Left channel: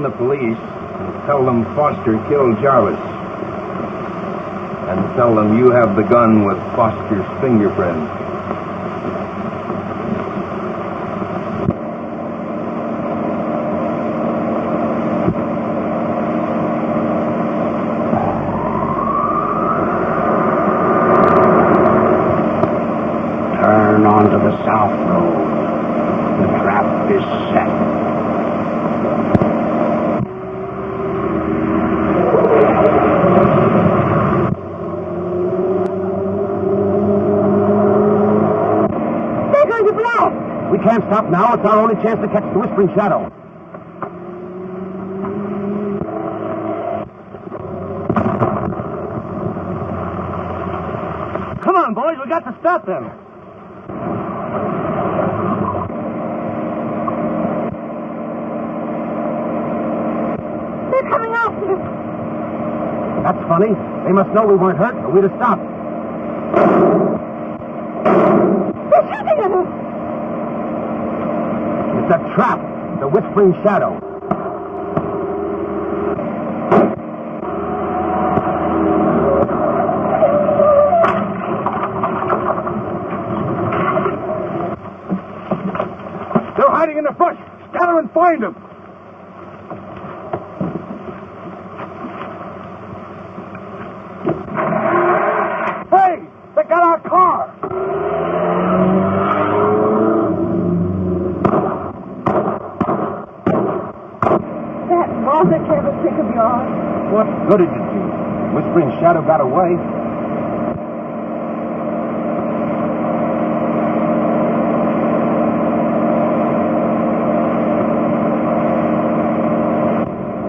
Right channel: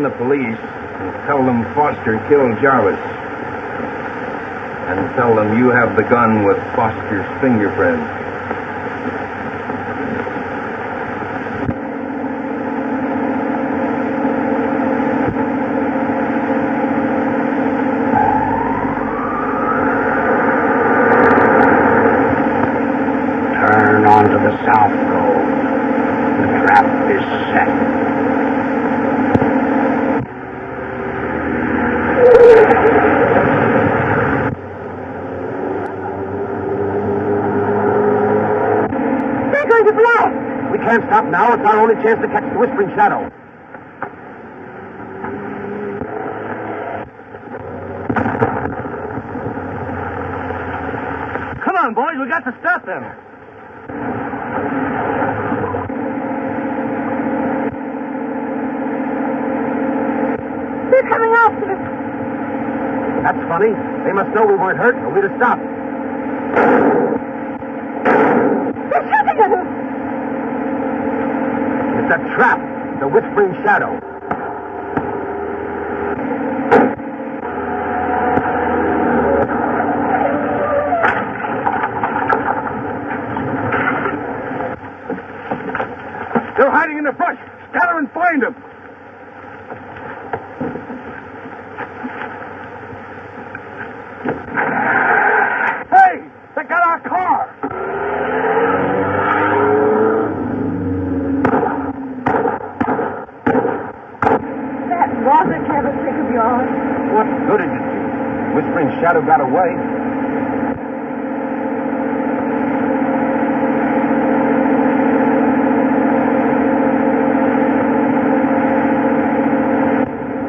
phone the police and tell them Foster killed Jarvis. And tell them you have the gun with Foster's fingerprints. Turn onto the south road. The trap is set. We can't stop now. It's our only chance to catch the Whispering Shadow. Come on, boys. We got to stop them. They're coming after us. That's funny. They must know we weren't hurt, or we'd have stopped. They're shooting at us. It's a trap. The Whispering Shadow. They're hiding in the brush. Scatter and find them. Hey! They got our car! Was a clever trick of yours. What good did it do? Whispering Shadow got away.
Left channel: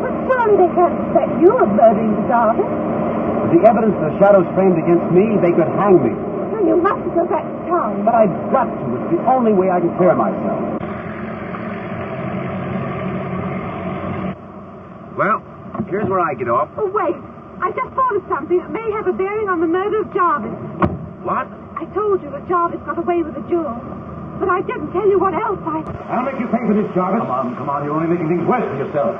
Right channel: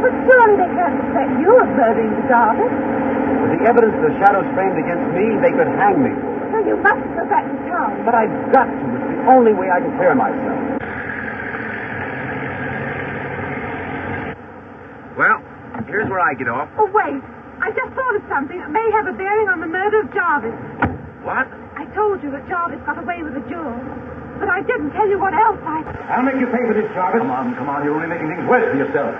But surely they can't suspect you of murdering the Jarvis. With the evidence the Shadow's framed against me, they could hang me. Well, you mustn't go back to town. But I've got to. It's the only way I can clear myself. Well, here's where I get off. Oh, wait. I just thought of something that may have a bearing on the murder of Jarvis. What? I told you that Jarvis got away with the jewels. But I didn't tell you what else I'll make you pay for this, Jarvis. Come on. You're only making things worse for yourself.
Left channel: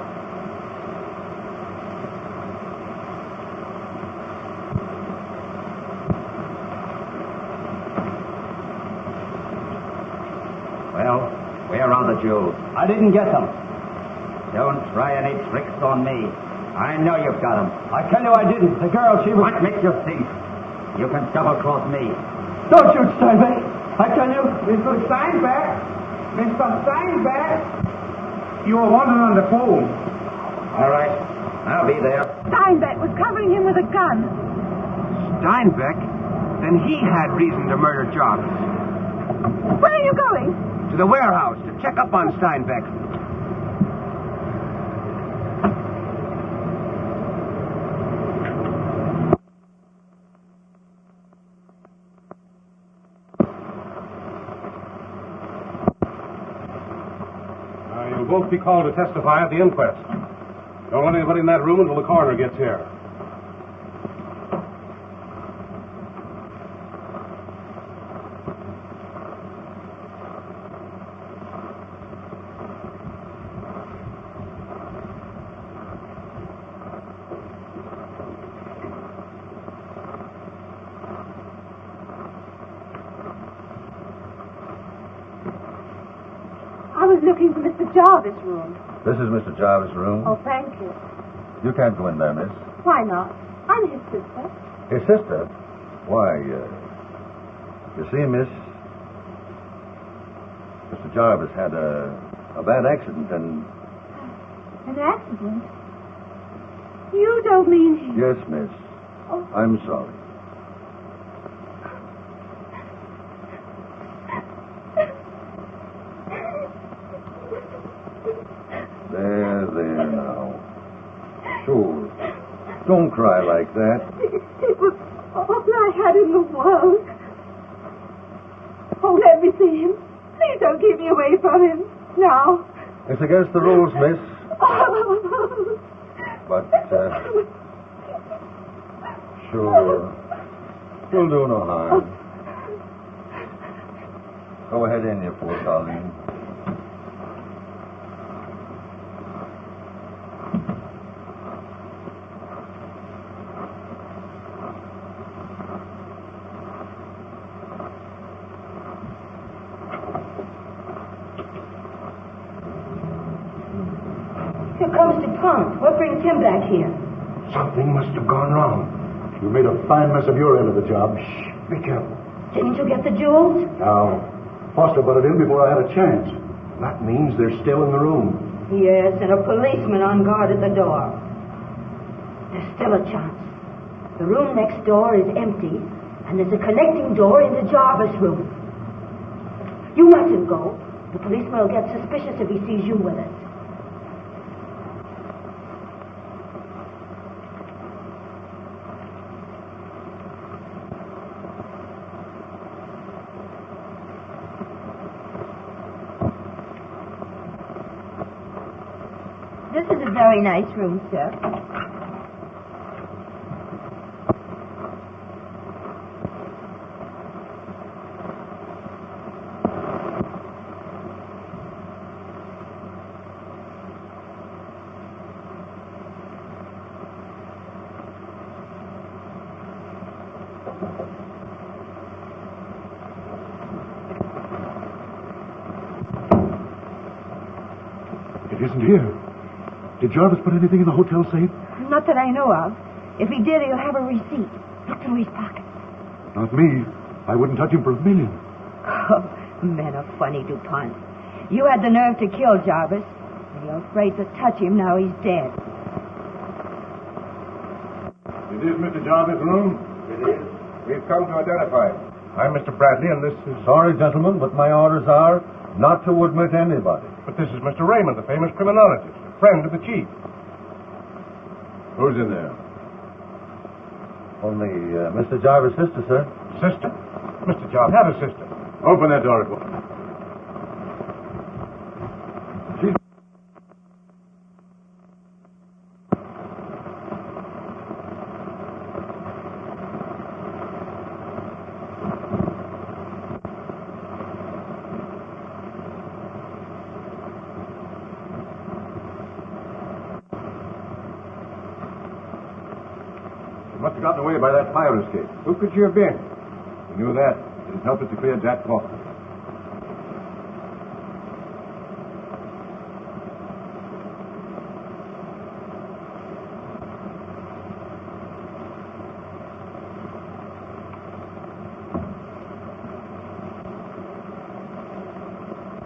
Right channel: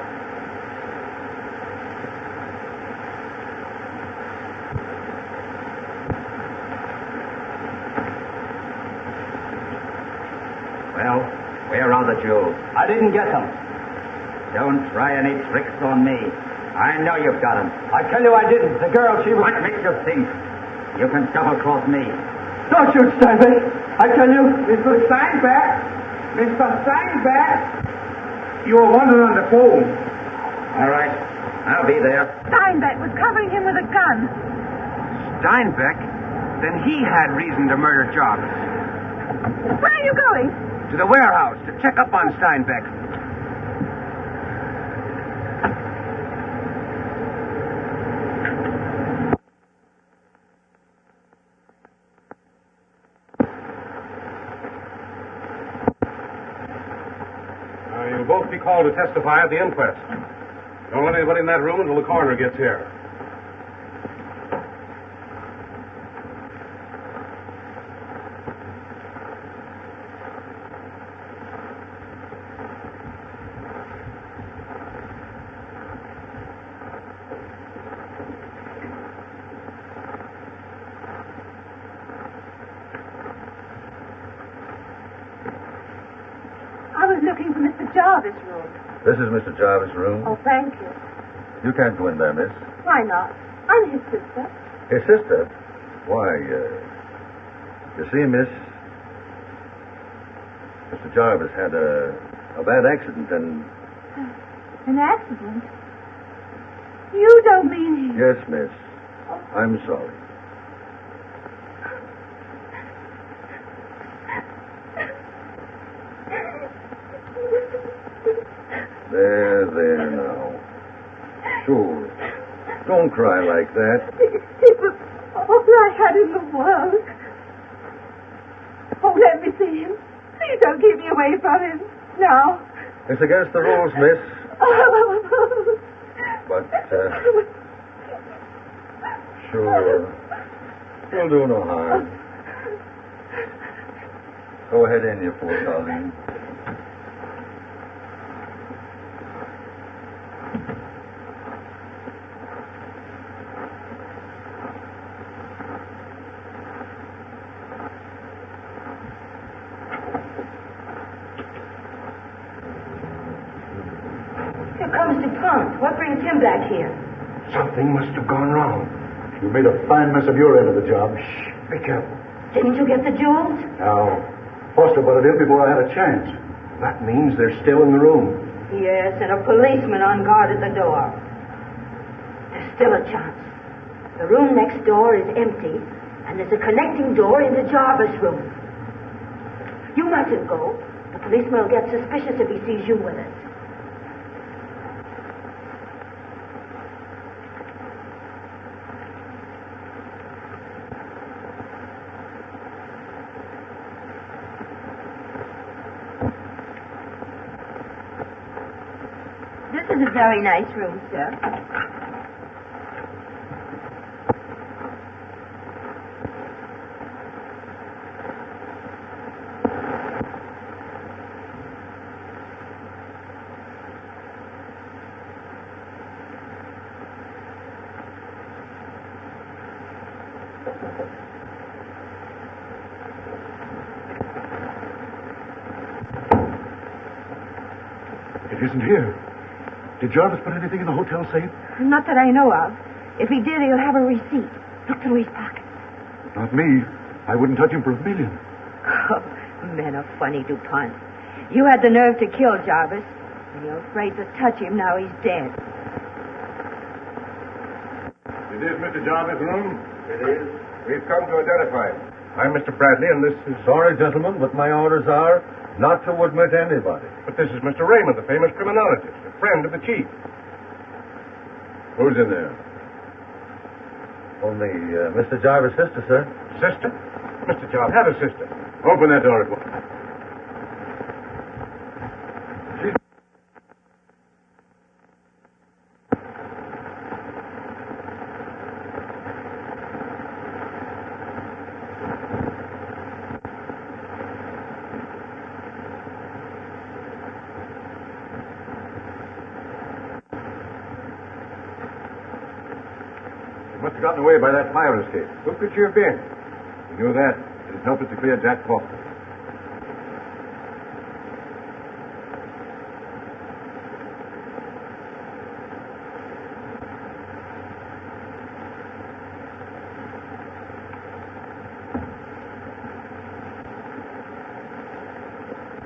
Well, where are the jewels? I didn't get them. Don't try any tricks on me. I know you've got them. I tell you I didn't. The girl, she was... What makes you think you can double-cross me? Don't shoot, Steinbeck. I tell you... Mr. Steinbeck! Mr. Steinbeck! You were wanted on the phone. All right. I'll be there. Steinbeck was covering him with a gun. Steinbeck? Then he had reason to murder Jarvis. Where are you going? To the warehouse to check up on Steinbeck. You'll both be called to testify at the inquest. Don't let anybody in that room until the coroner gets here. I was looking for Mr. Jarvis' room. This is Mr. Jarvis' room. Oh, thank you. You can't go in there, miss. Why not? I'm his sister. His sister? Why, you see, miss, Mr. Jarvis had a bad accident and... An accident? You don't mean he... Yes, miss. Oh. I'm sorry. There now. Sure. Don't cry like that. It was all I had in the world. Oh, let me see him. Please don't keep me away from him. Now. It's against the rules, miss. But, sure. We'll do no harm. Go ahead in, you poor Colleen. Here comes DuPont. What brings him back here? Something must have gone wrong. You made a fine mess of your end of the job. Shh, be careful. Didn't you get the jewels? No. Foster butted in before I had a chance. That means they're still in the room. Yes, and a policeman on guard at the door. There's still a chance. The room next door is empty, and there's a connecting door into Jarvis' room. You mustn't go. The policeman will get suspicious if he sees you with us. This is a very nice room, sir. It isn't here. Did Jarvis put anything in the hotel safe? Not that I know of. If he did, he'll have a receipt. Look through his pocket. Not me. I wouldn't touch him for $1 million. Oh, men are funny, DuPont. You had the nerve to kill Jarvis, and you're afraid to touch him now he's dead. It is Mr. Jarvis' room? It is. We've come to identify him. I'm Mr. Bradley, and this is... Sorry, gentlemen, but my orders are not to admit anybody. But this is Mr. Raymond, the famous criminologist, a friend of the chief. Who's in there? Only Mr. Jarvis' sister, sir. Sister? Mr. Jarvis had a sister. Open that door at once. Must have gotten away by that fire escape. Who could you have been? We knew that. It'd help us to clear Jack Faulkner.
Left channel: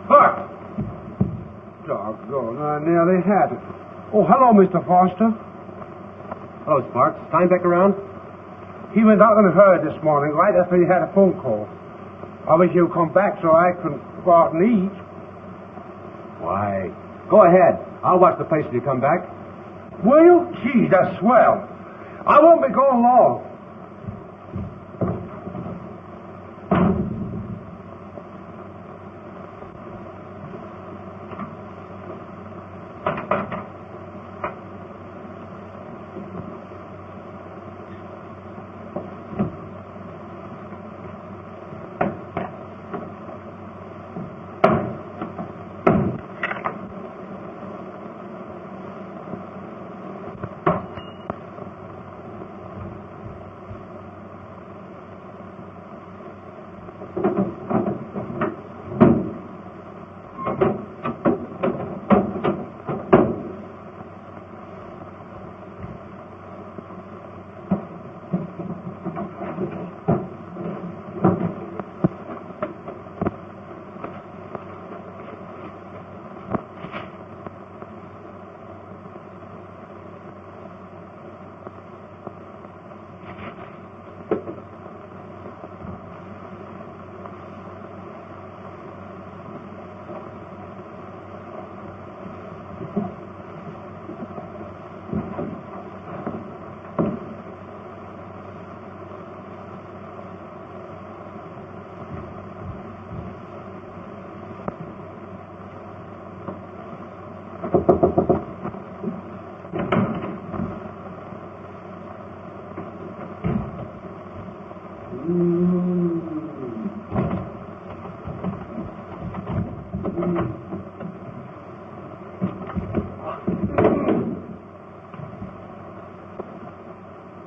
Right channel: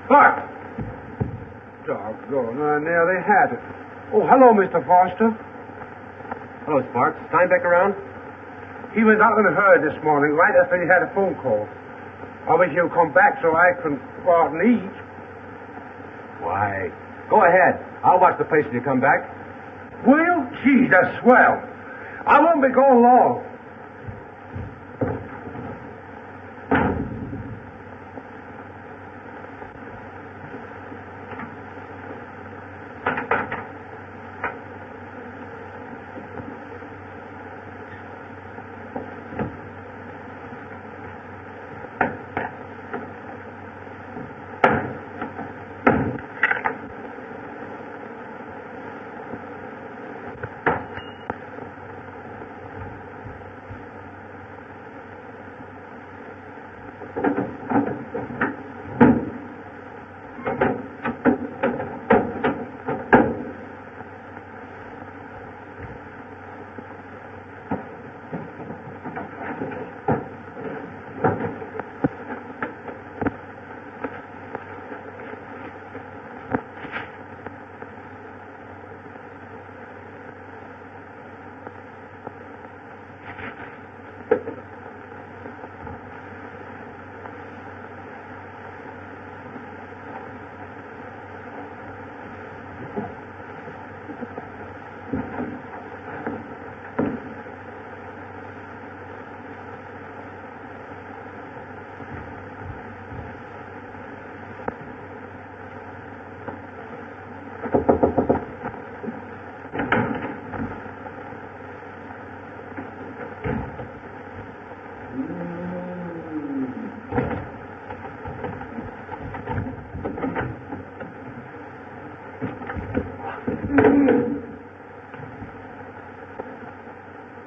Clark! Doggone, I nearly had it. Oh, hello, Mr. Foster. Hello, Sparks. Steinbeck around? He went out in a hurry this morning, right after he had a phone call. I wish he'd come back so I could go out and eat. Why? Go ahead. I'll watch the place till you come back. Will you? Gee, that's swell. I won't be gone long.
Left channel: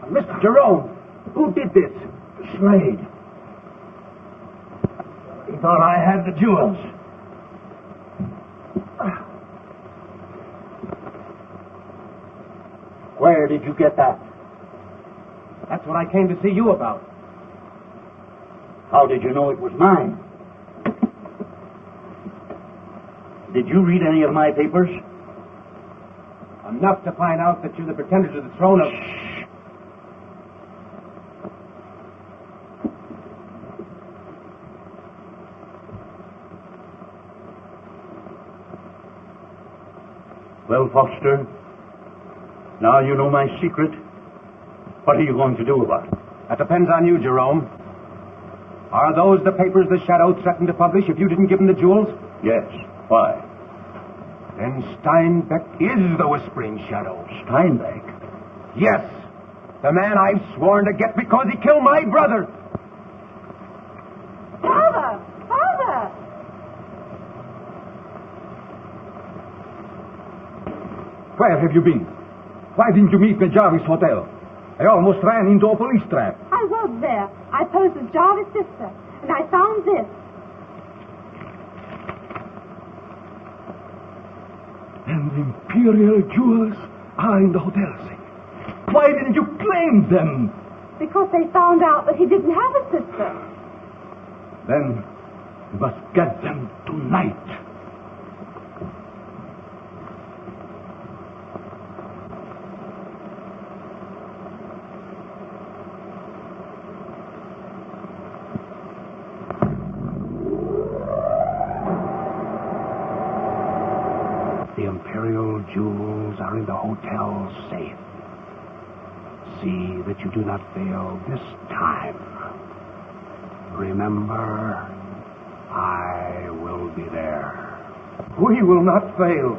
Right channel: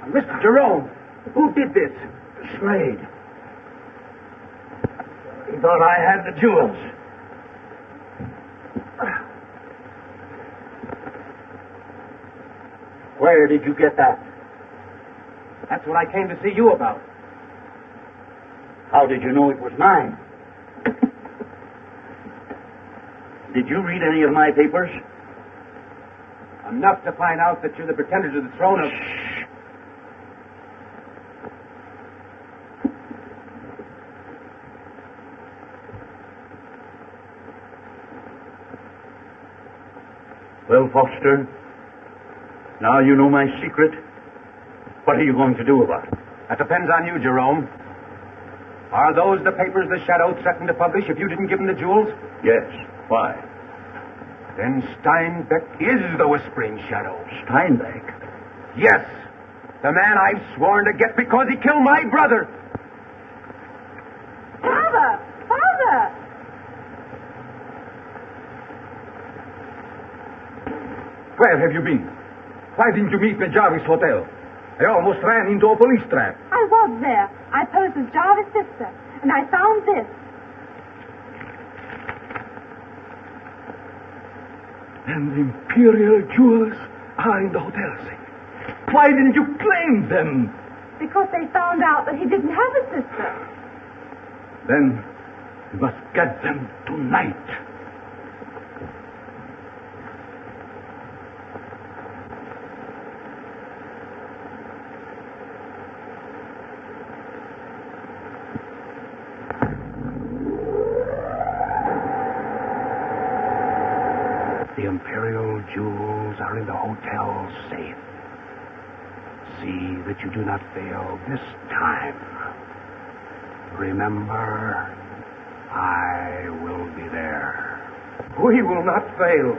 Mr. Jerome, who did this? Slade. He thought I had the jewels. Where did you get that? That's what I came to see you about. How did you know it was mine? Did you read any of my papers? Enough to find out that you're the pretender to the throne of... Well, Foster, now you know my secret. What are you going to do about it? That depends on you, Jerome. Are those the papers the Shadow threatened to publish if you didn't give him the jewels? Yes. Why? Then Steinbeck is the Whispering Shadow. Steinbeck? Yes. The man I've sworn to get because he killed my brother. Father! Father! Where have you been? Why didn't you meet me at Jarvis Hotel? I almost ran into a police trap. I was there. I posed as Jarvis' sister, and I found this. And the Imperial jewels are in the hotel safe. Why didn't you claim them? Because they found out that he didn't have a sister. Then you must get them tonight. The Imperial jewels are in the hotel safe. See that you do not fail this time. Remember, I will be there. We will not fail.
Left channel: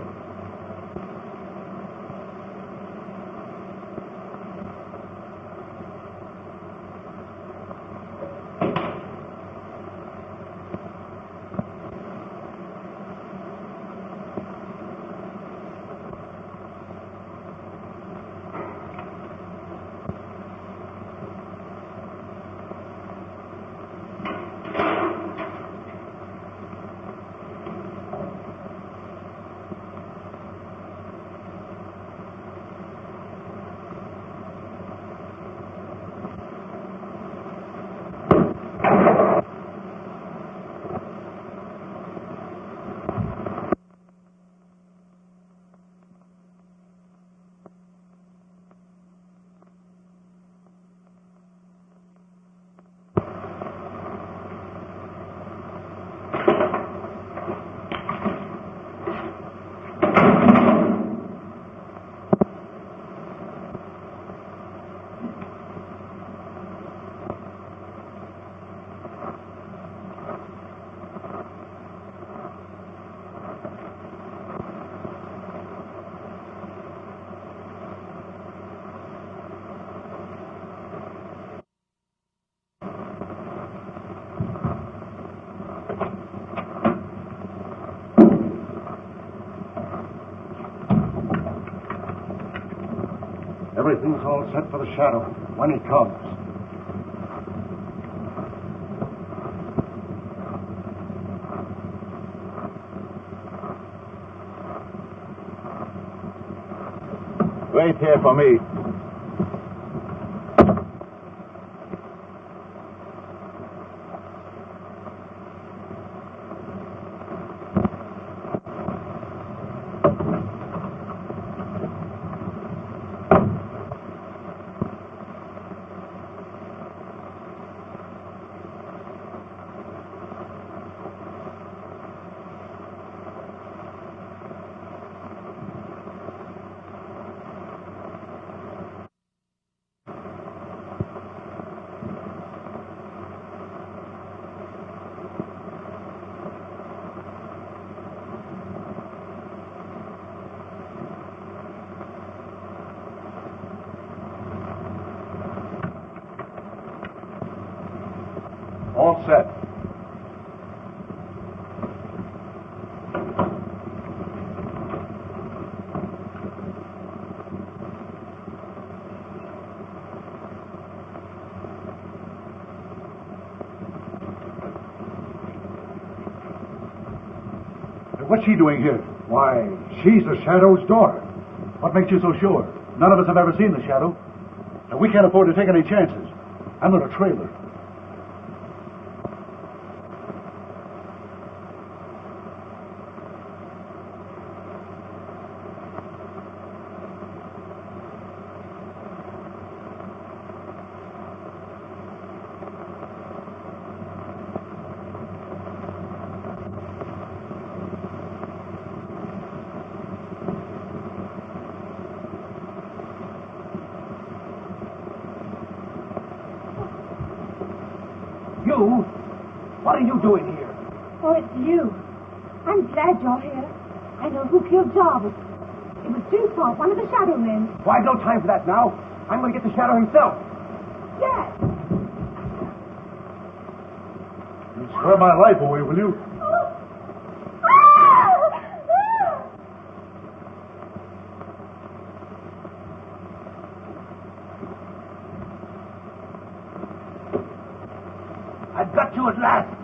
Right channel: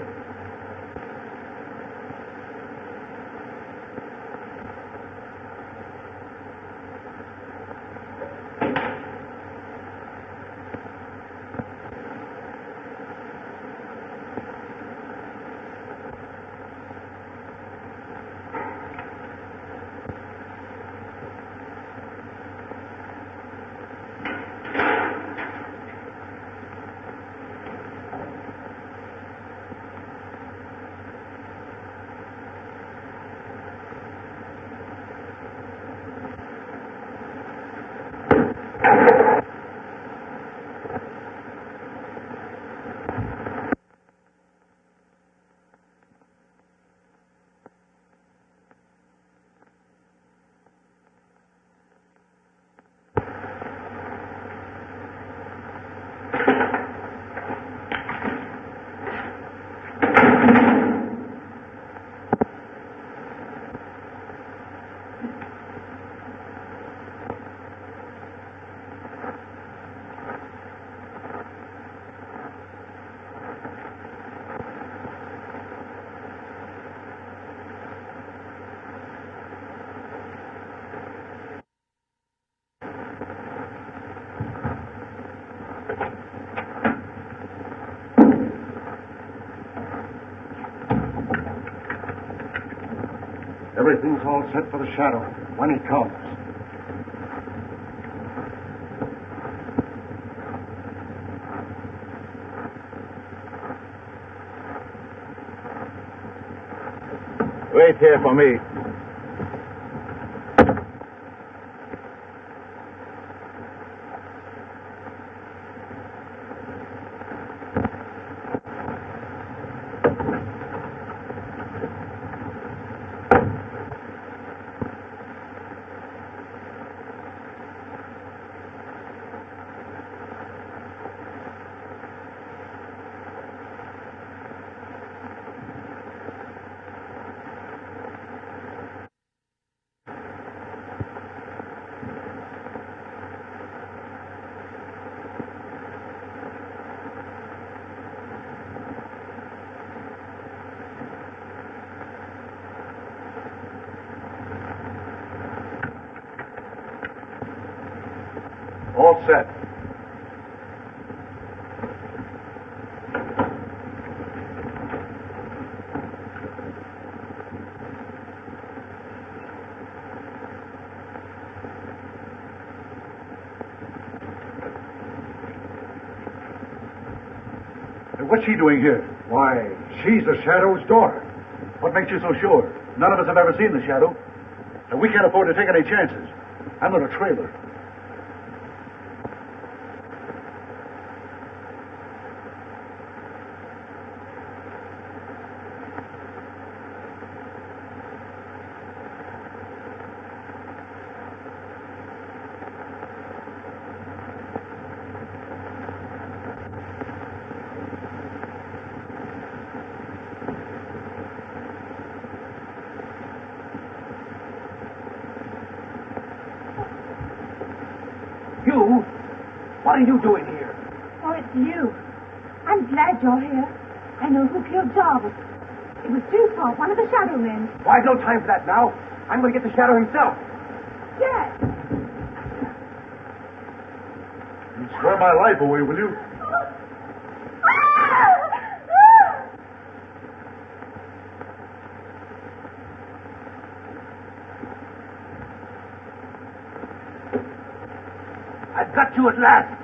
Everything's all set for the Shadow when he comes. Wait here for me. All set. What's she doing here? Why, she's the Shadow's daughter. What makes you so sure? None of us have ever seen the shadow. And we can't afford to take any chances. I'm on a trailer. You? What are you doing here? Oh, it's you. I'm glad you're here. I know who killed Jarvis. It was Dewthorpe, one of the shadow men. Why, no time for that now. I'm going to get the shadow himself. Yes. You swear my life away, will you? I've got you at last.